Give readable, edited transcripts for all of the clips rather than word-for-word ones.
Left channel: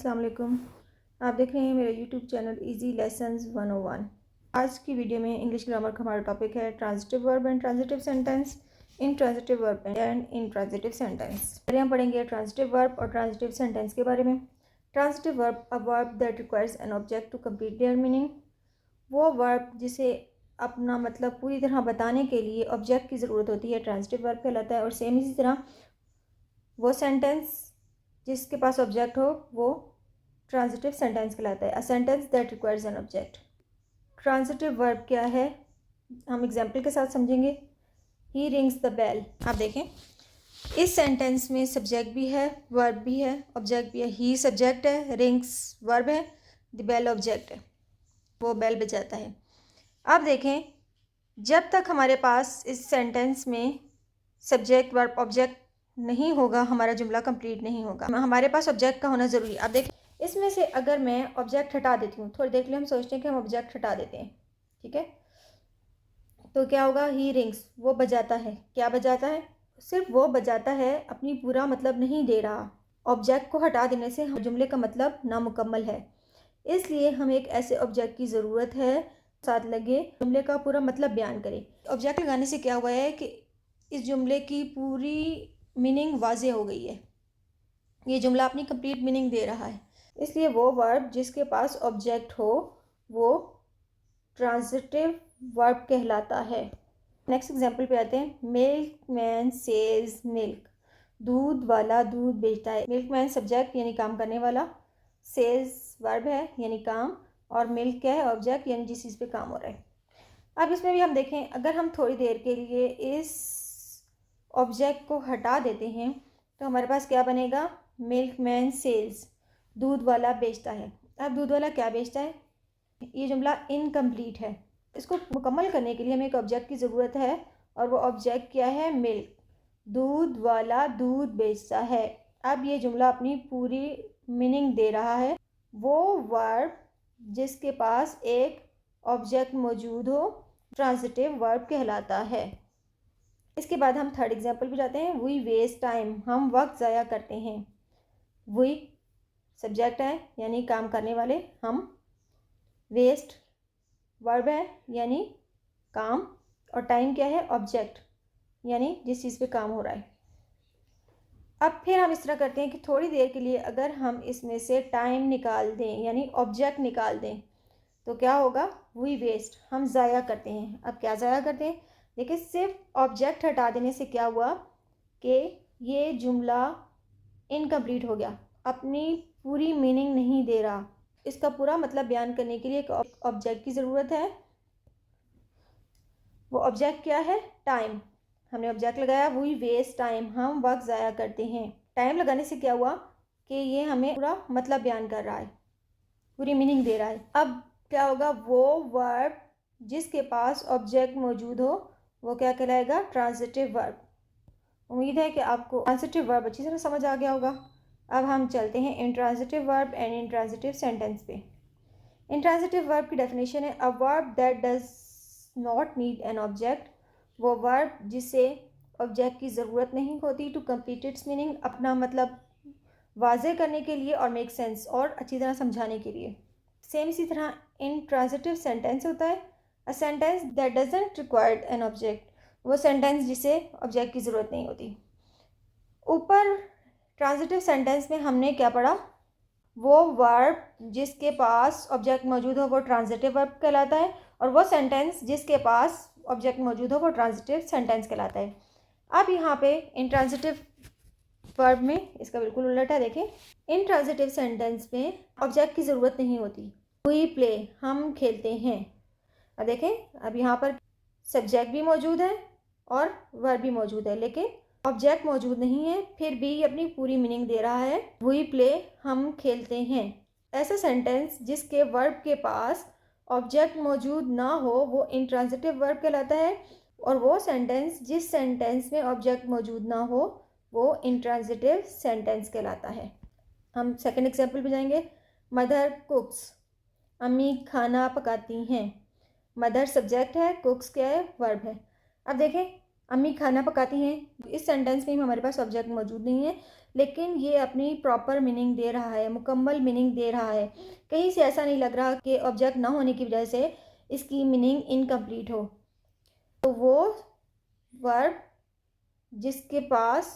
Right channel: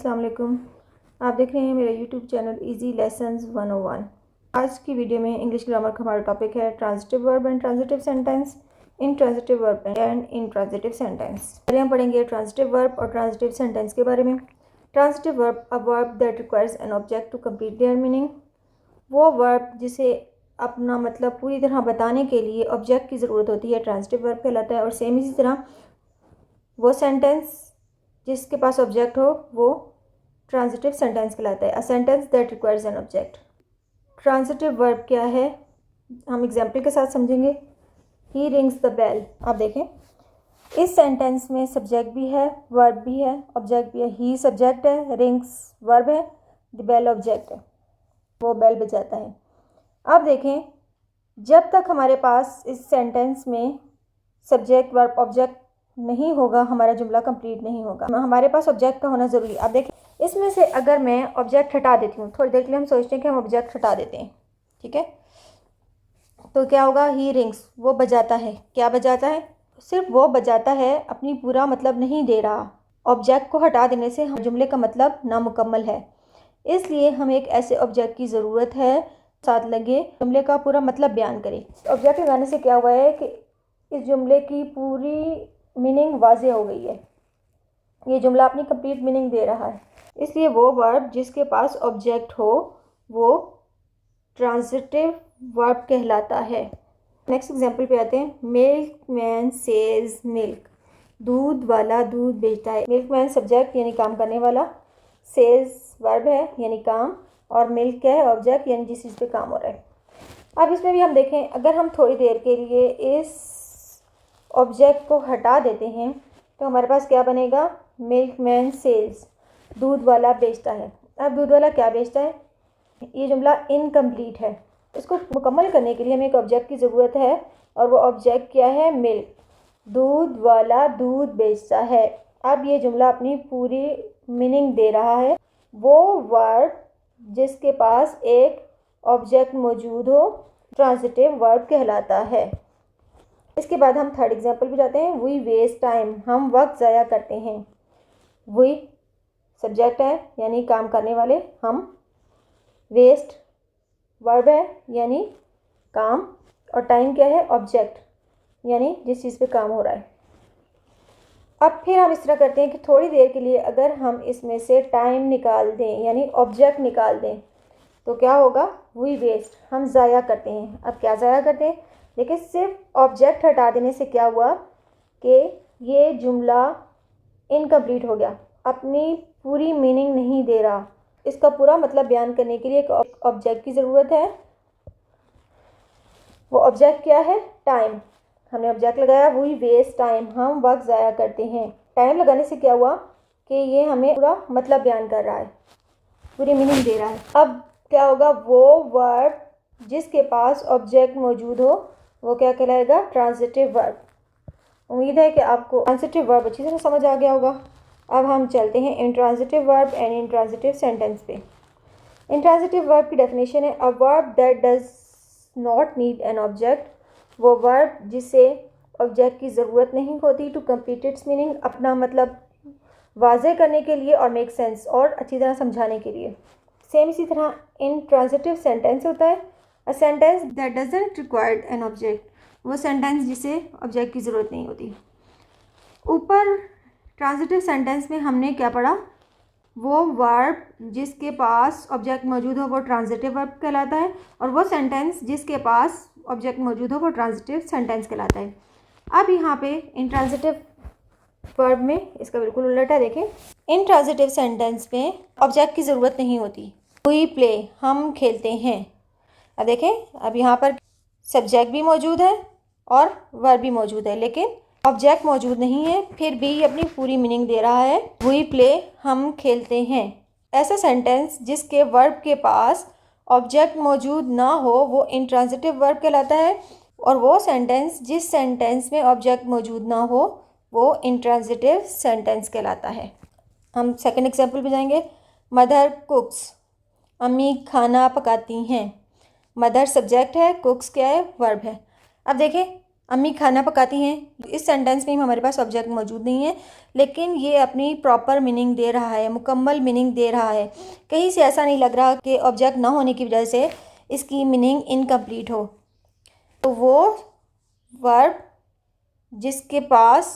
अस्सलाम वालेकुम। आप देख रहे हैं मेरा यूट्यूब चैनल इजी लेसन्स 101। आज की वीडियो में इंग्लिश ग्रामर का हमारा टॉपिक है transitive verb and transitive sentence, intransitive verb and intransitive sentence. पहले हम पढ़ेंगे ट्रांजिटिव वर्ब और ट्रांजिटिव सेंटेंस के बारे में। Transitive verb, a verb that requires an object to complete their meaning. वो वर्ब जिसे अपना मतलब पूरी तरह बताने के लिए ऑब्जेक्ट की ज़रूरत होती है, ट्रांजिटिव वर्ब कहलाता है। और सेम इसी तरह वो सेंटेंस जिसके पास ऑब्जेक्ट हो वो ट्रांजिटिव सेंटेंस कहलाता है। A sentence that requires an object. Transitive verb क्या है, हम एग्जांपल के साथ समझेंगे। ही रिंग्स द बेल। आप देखें, इस सेंटेंस में सब्जेक्ट भी है, वर्ब भी है, ऑब्जेक्ट भी है। ही सब्जेक्ट है, रिंग्स वर्ब है, द बेल ऑब्जेक्ट है, वो बेल बजाता है। अब देखें, जब तक हमारे पास इस सेंटेंस में सब्जेक्ट वर्ब ऑब्जेक्ट नहीं होगा, हमारा जुमला कंप्लीट नहीं होगा। हमारे पास ऑब्जेक्ट का होना ज़रूरी है। अब देखें, इसमें से अगर मैं ऑब्जेक्ट हटा देती हूँ, थोड़ी देर के लिए हम सोचते हैं कि हम ऑब्जेक्ट हटा देते हैं, ठीक है, तो क्या होगा? ही रिंग्स, वो बजाता है। क्या बजाता है? सिर्फ वो बजाता है, अपनी पूरा मतलब नहीं दे रहा। ऑब्जेक्ट को हटा देने से जुमले का मतलब नामुकम्मल है, इसलिए हमें एक ऐसे ऑब्जेक्ट की ज़रूरत है साथ लगे जुमले का पूरा मतलब बयान करे। ऑब्जेक्ट लगाने से क्या हुआ है कि इस जुमले की पूरी मीनिंग वाज़े हो गई है, ये जुमला अपनी कंप्लीट मीनिंग दे रहा है। इसलिए वो वर्ब जिसके पास ऑब्जेक्ट हो वो ट्रांजिटिव वर्ब कहलाता है। नेक्स्ट एग्जांपल पे आते हैं। Milk man says milk. दूध वाला दूध बेचता है। मिल्क मैन सब्जेक्ट यानी काम करने वाला, सेज वर्ब है यानी काम, और मिल्क क्या है? ऑब्जेक्ट यानी जिस चीज़ पे काम हो रहा है। अब इसमें भी हम देखें, अगर हम थोड़ी देर के लिए इस ऑब्जेक्ट को हटा देते हैं तो हमारे पास क्या बनेगा? मिल्क मैन सेल्स, दूध वाला बेचता है। अब दूध वाला क्या बेचता है? ये जुमला इनकम्प्लीट है। इसको मुकम्मल करने के लिए हमें एक ऑब्जेक्ट की ज़रूरत है, और वो ऑब्जेक्ट क्या है? मिल्क। दूध वाला दूध बेचता है। अब ये जुमला अपनी पूरी मीनिंग दे रहा है। वो वर्ब जिसके पास एक ऑब्जेक्ट मौजूद हो ट्रांजिटिव वर्ब कहलाता है। इसके बाद हम थर्ड एग्जांपल पे जाते हैं। वी वेस्ट टाइम, हम वक्त ज़ाया करते हैं। वी सब्जेक्ट है यानी काम करने वाले, हम वेस्ट वर्ब है यानी काम, और टाइम क्या है? ऑब्जेक्ट यानी जिस चीज़ पे काम हो रहा है। अब फिर हम इस तरह करते हैं कि थोड़ी देर के लिए अगर हम इसमें से टाइम निकाल दें यानी ऑब्जेक्ट निकाल दें तो क्या होगा? वी वेस्ट, हम ज़ाया करते हैं। अब क्या ज़ाया करते हैं? देखिए, सिर्फ ऑब्जेक्ट हटा देने से क्या हुआ कि ये जुमला इनकम्प्लीट हो गया, अपनी पूरी मीनिंग नहीं दे रहा। इसका पूरा मतलब बयान करने के लिए एक ऑब्जेक्ट की ज़रूरत है। वो ऑब्जेक्ट क्या है? टाइम। हमने ऑब्जेक्ट लगाया, वी वेस्ट टाइम, हम वक्त ज़ाया करते हैं। टाइम लगाने से क्या हुआ कि ये हमें पूरा मतलब बयान कर रहा है, पूरी मीनिंग दे रहा है। अब क्या होगा? वो वर्ब जिसके पास ऑब्जेक्ट मौजूद हो वो क्या कहलाएगा? Transitive verb. उम्मीद है कि आपको ट्रांजिटिव वर्ब अच्छी तरह समझ आ गया होगा। अब हम चलते हैं intransitive verb and intransitive sentence पे। इंट्रांजिटिव वर्ब की डेफिनेशन है, अ verb that does not need an object. वो वर्ब जिसे ऑब्जेक्ट की ज़रूरत नहीं होती टू कंप्लीट इट्स मीनिंग, अपना मतलब वाज़े करने के लिए और मेक सेंस, और अच्छी तरह समझाने के लिए। सेम इसी तरह इंट्रांजिटिव सेंटेंस होता है, a sentence that doesn't required an object. वो सेंटेंस जिसे ऑब्जेक्ट की ज़रूरत नहीं होती। ऊपर ट्रांजिटिव सेंटेंस में हमने क्या पढ़ा? वो वर्ब जिसके पास ऑब्जेक्ट मौजूद हो वो ट्रांजिटिव वर्ब कहलाता है, और वो सेंटेंस जिसके पास ऑब्जेक्ट मौजूद हो वो ट्रांजिटिव सेंटेंस कहलाता है। अब यहाँ पे इंट्रांजिटिव वर्ब में इसका बिल्कुल उल्टा है। देखें, इंट्रांजिटिव सेंटेंस में ऑब्जेक्ट की ज़रूरत नहीं होती। वी प्ले, हम खेलते हैं। अब देखें, अब यहाँ पर सब्जेक्ट भी मौजूद है और वर्ब भी मौजूद है, लेकिन ऑब्जेक्ट मौजूद नहीं है, फिर भी अपनी पूरी मीनिंग दे रहा है। वी प्ले, हम खेलते हैं। ऐसा सेंटेंस जिसके वर्ब के पास ऑब्जेक्ट मौजूद ना हो वो इंट्रांजिटिव वर्ब कहलाता है, और वो सेंटेंस जिस सेंटेंस में ऑब्जेक्ट मौजूद ना हो वो इंट्रांजिटिव सेंटेंस कहलाता है। हम सेकंड एग्जांपल पे जाएंगे। मदर कुक्स, अम्मी खाना पकाती हैं। मदर सब्जेक्ट है, कुक्स क्या है? वर्ब है। अब देखें, अम्मी खाना पकाती हैं। इस सेंटेंस में हमारे पास ऑब्जेक्ट मौजूद नहीं है, लेकिन ये अपनी प्रॉपर मीनिंग दे रहा है, मुकम्मल मीनिंग दे रहा है। कहीं से ऐसा नहीं लग रहा कि ऑब्जेक्ट ना होने की वजह से इसकी मीनिंग इनकम्प्लीट हो। तो वो वर्ब जिसके पास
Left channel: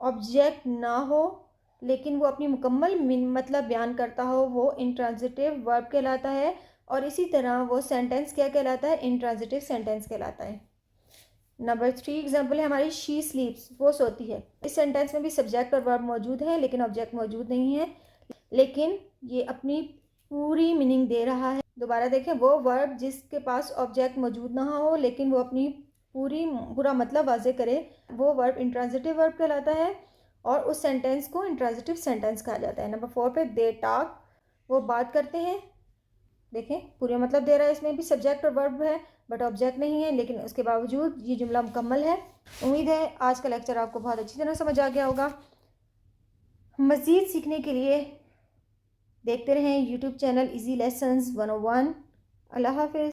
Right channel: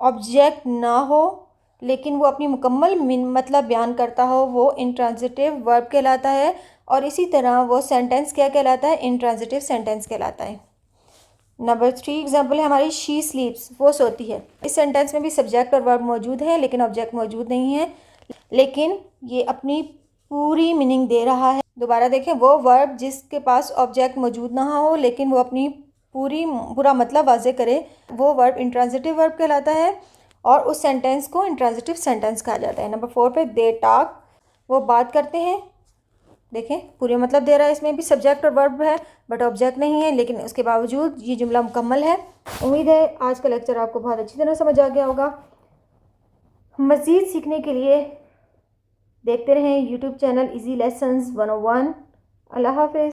ऑब्जेक्ट ना हो लेकिन वो अपनी मुकम्मल मतलब बयान करता हो, वो इंट्रांजिटिव वर्ब कहलाता है। और इसी तरह वो सेंटेंस क्या कहलाता है? इंट्रांजिटिव सेंटेंस कहलाता है। नंबर 3 एग्जाम्पल है हमारी, शी स्लीप्स, वो सोती है। इस सेंटेंस में भी सब्जेक्ट और वर्ब मौजूद है लेकिन ऑब्जेक्ट मौजूद नहीं है, लेकिन ये अपनी पूरी मीनिंग दे रहा है। दोबारा देखें, वो वर्ब जिसके पास ऑब्जेक्ट मौजूद ना हो लेकिन वो अपनी पूरा मतलब वाजे करे, वो वर्ब इंट्रांजिटिव वर्ब कहलाता है और उस सेंटेंस को इंट्रांजिटिव सेंटेंस कहा जाता है। नंबर 4 पे, दे टॉक, वो बात करते हैं। देखें, पूरे मतलब दे रहा है, इसमें भी सब्जेक्ट और वर्ब है बट ऑब्जेक्ट नहीं है, लेकिन उसके बावजूद ये जुमला मुकम्मल है। उम्मीद है आज का लेक्चर आपको बहुत अच्छी तरह समझ आ गया होगा। मज़ीद सीखने के लिए देखते रहें यूट्यूब चैनल इजी लेसन्स 101। अल्लाह हाफ़िज़।